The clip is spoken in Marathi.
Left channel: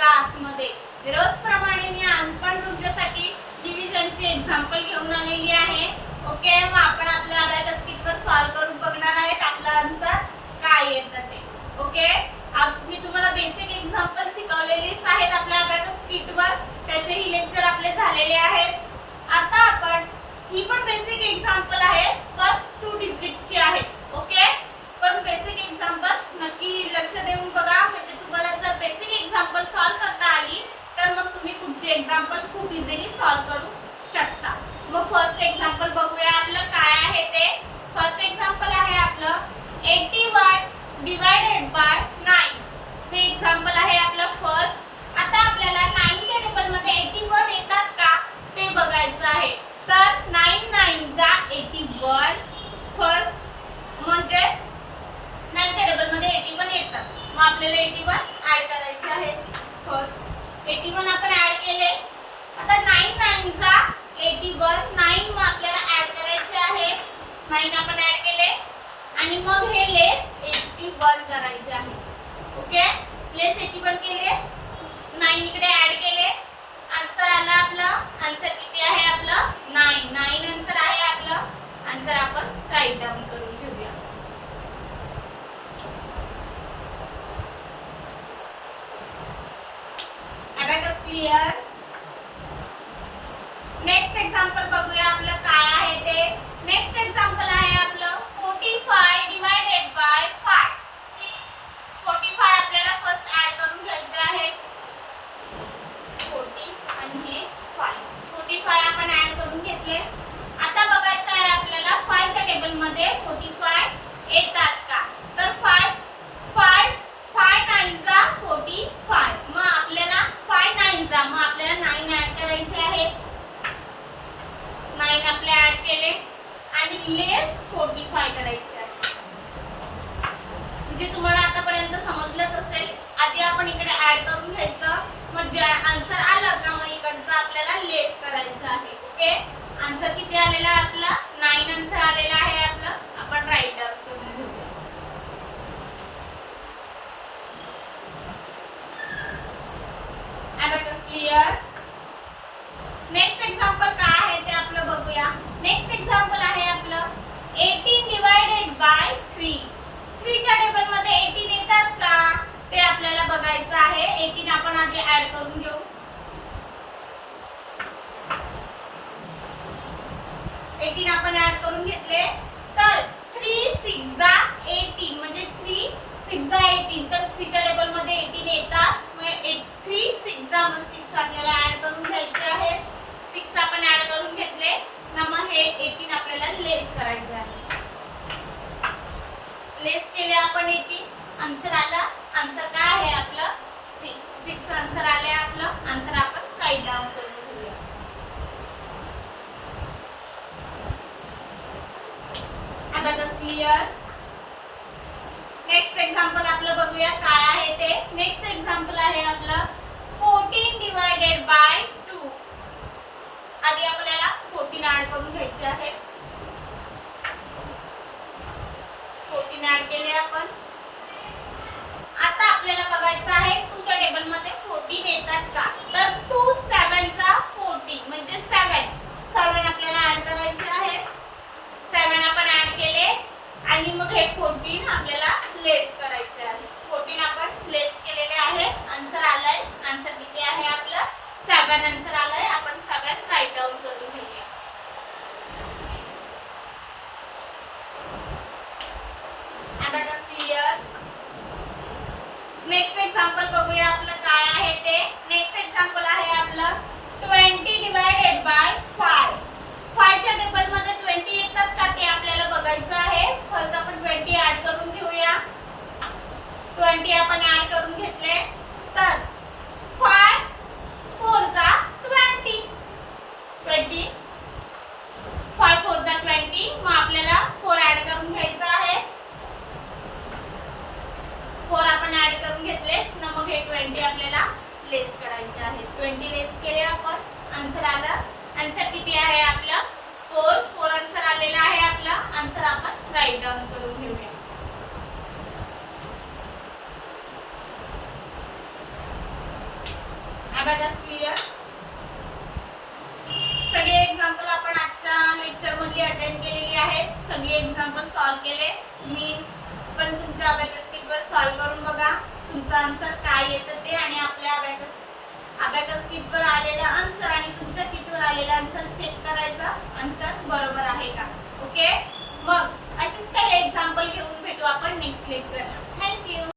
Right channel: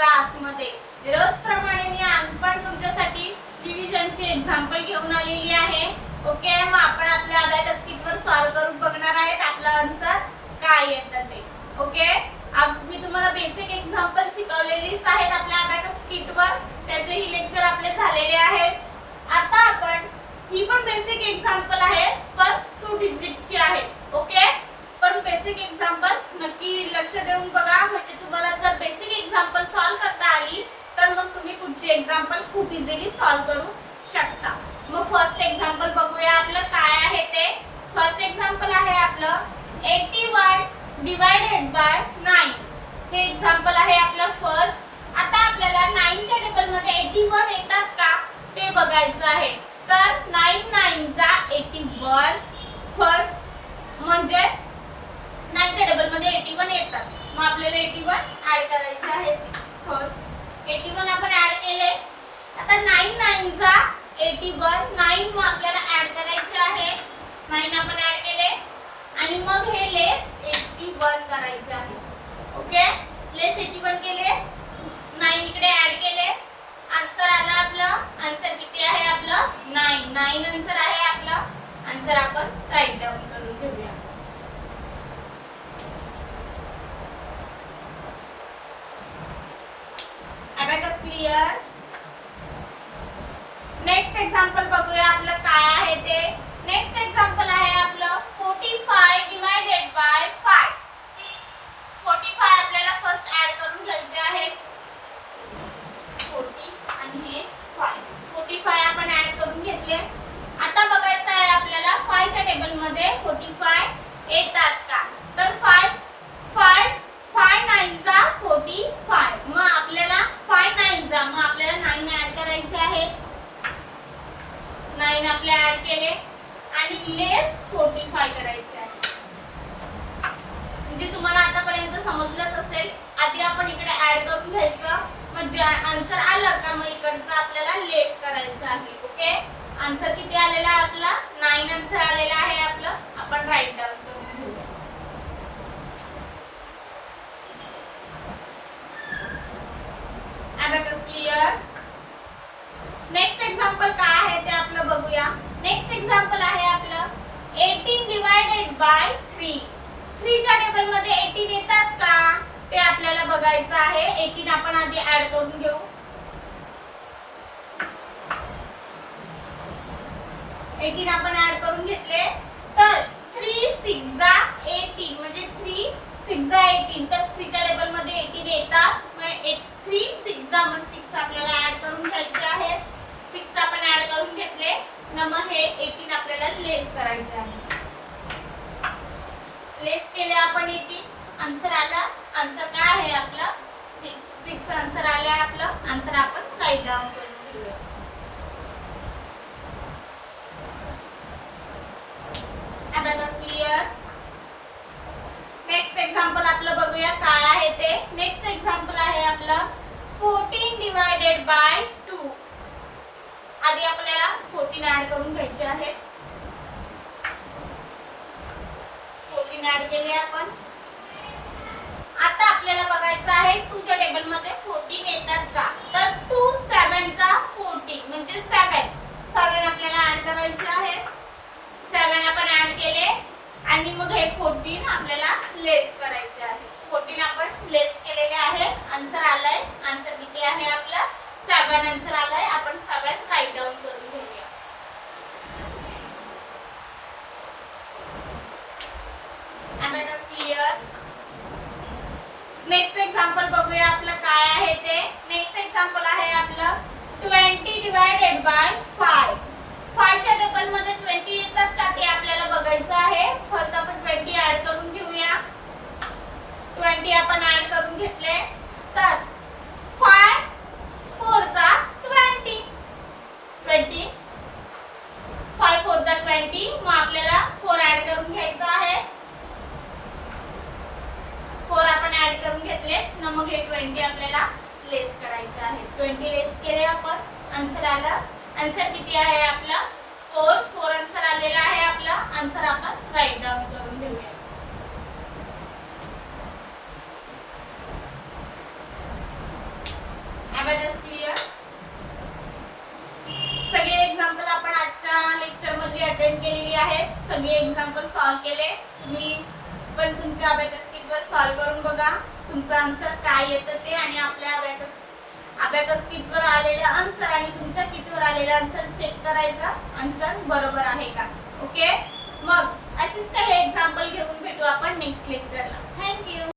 क्लासमध्ये. रोजप्रमाणे मी आज पण तुमच्यासाठी डिव्हिजनची एक्झाम्पल घेऊन आलेली आहे. ओके, मग आपण आपल्या अबॅकस स्किटवर सॉल्व करून बघणार आहेत आपलं आन्सर काय येतं ते. ओके, आज मी तुम्हाला बेसिक एक्झाम्पल शिकवलेलीच आहेत आपल्या अबॅकस स्किटवर. त्याचेही लेक्चर आपले झालेले आहेत. आता आपण ही पण बेसिक एक्झाम्पल आहे पण 2 डिजिटची आहे. ओके, पण बेसिक एक्झाम्पल नक्की लक्ष देऊन बघा, म्हणजे तुम्हाला जर बेसिक एक्झाम्पल सॉल्व करता आली तर मग तुम्ही पुढची एक्झाम्पल खूप इझिली सॉल्व करू शकता. मग फर्स्ट एक्झाम्पल बघूया आपलं काय आहे ते. फर्स्ट एक्झाम्पल आहे आपलं 81 डिवायडेड बाय 9. हे एक्झाम्पल आहे आपलं फर्स्ट. आता आपल्याला 9 च्या टेबल मध्ये 81 येतात का ते बघायचं आहे. तर 9 9 जा 81 फर्स्ट, म्हणजे 9 च्या टेबल मध्ये 81 येतात. मग आपल्याला 81 ऍड करायचे आहेत. फर्स्ट 81 आपण ऍड केले. आता 9 9 जा 81, 9 मग आपल्याला ऍड करायचे आहे. 9 आपण ऍड केले आणि मग हे लेस 81 करायचे आहे. ओके, लेस 81 केले, 9 इकडे ऍड केले, आन्सर आला आपलं. आन्सर किती आहे आपलं 9. 9 आन्सर आहे आपलं. आन्सर आपण राईट डाऊन करून घेऊया. Abacus clear. नेक्स्ट एक्झाम्पल बघूया आपलं काय आहे ते. नेक्स्ट एक्झाम्पल आहे आपलं 45 डिवायडेड बाय 5. 45 आपल्याला फर्स्ट ऍड करून घ्यायचे आहे. 40 आणि हे 5. 45 आपण ऍड करून घेतले. आता बघायचं आहे आपल्याला 5 च्या टेबल मध्ये 45 येतात का. तर 5 9 जा 45. मग आपल्याला 5 9 जा, मग आपल्याला 9 ऍड करायचे आहे. 9 आपले ऍड केले आणि लेस 45 करायचे आहे. म्हणजे तुम्हाला आतापर्यंत समजलंच असेल. आधी आपण इकडे ऍड करून घ्यायचं, म्हणजे आन्सर आलं का मग इकडचं आपल्याला लेस करायचं आहे. ओके, आन्सर किती आलेला आहे आपला 9 आन्सर आलेला आहे आपलं. आपण राईट डाऊन करून घेऊया. Abacus clear. नेक्स्ट एक्झाम्पल काय आहे ते आपलं बघूया. नेक्स्ट एक्झाम्पल आहे आपलं 18 डिवायडेड बाय 3. 3 च्या टेबल मध्ये 18 येतात का ते आपल्याला बघायचं आहे. 18 आपण आधी ऍड करून घेऊ. 18 आपण ऍड करून घेतले. तर 3 6 जा 18, म्हणजे 3 6 जा 18. तर 3 च्या टेबल मध्ये 18 येतात. 3 6 जा, मग 6 आपल्याला ऍड करून घ्यायचे आहे. 6 आपण ऍड करून घेतले ना, मग हे 18 आपल्याला लेस करायचे आहे. लेस केले आपण 18, आन्सर आलं. आन्सर काय आहे आपलं 6 आन्सर आले आपलं. आन्सर आपण राईट डाऊन करून ठेवूया. Abacus clear. नेक्स्ट एक्झाम्पल आपलं बघूया काय आहे ते. नेक्स्ट एक्झाम्पल आहे आपलं 14 डिवायडेड बाय 2. आधी आपल्याला 14 ऍड करून घ्यायचे आहे. 14 ऍड केले आपण. आता आपल्याला बघायचं आहे 2 च्या टेबल मध्ये 14 येतात का. तर 2 7 जा 14, म्हणजे 7 आपल्याला ऍड करायचे आहे. 7 आपण ऍड केले आणि मग हे 14 आपल्याला लेस करायचे आहे. 14 आपण लेस केलेले आहे. आन्सर आलाय. आन्सर किती आहे आपलं 7 आन्सर आलाय. आपण 7 राईट डाऊन करून घेऊया. Abacus clear. नेक्स्ट एक्झाम्पल बघूया आपलं काय आहे ते. नेक्स्ट एक्झाम्पल आहे आपलं 20 डिवायडेड बाय 5. 5 च्या टेबल मध्ये 20 येतात का ते आपल्याला बघायचं आहे. फर्स्ट आपण 20 ऍड करून घेऊया. 20 आपण ऍड करून घेतले. तर 5 4 जा 20. 5 4 जा 20, मग आपल्याला 4 ऍड करून घ्यायचं आहे. 4 आपण ऍड करून घेतले ना, मग हे 20 आपल्याला लेस करायचे आहे. 20 लेस केले आपण. आन्सर आलं. आन्सर किती आहे आपलं 4 आन्सर आलेला आहे आपलं. आन्सर आपण राईट डाऊन करून घेऊया. Abacus clear. सगळे एक्झाम्पल आपण आजच्या लेक्चर मध्ये अटेंड केलेली आहेत. सगळे एक्झाम्पल सॉल्व केले. तुम्ही पण तुमच्या अबॅकस किटवर सॉल्व करून बघा तुमचा आन्सर काय येतं ते, आणि आपल्या अबॅकस किटवर आलेला आन्सर आणि तुमच्या किटवर आलेला आन्सर चेक करायचा, आन्सर बरोबर आहे का. ओके, मग अशीच काही एक्झाम्पल घेऊन भेटू आपण नेक्स्ट लेक्चरला. थँक्यू.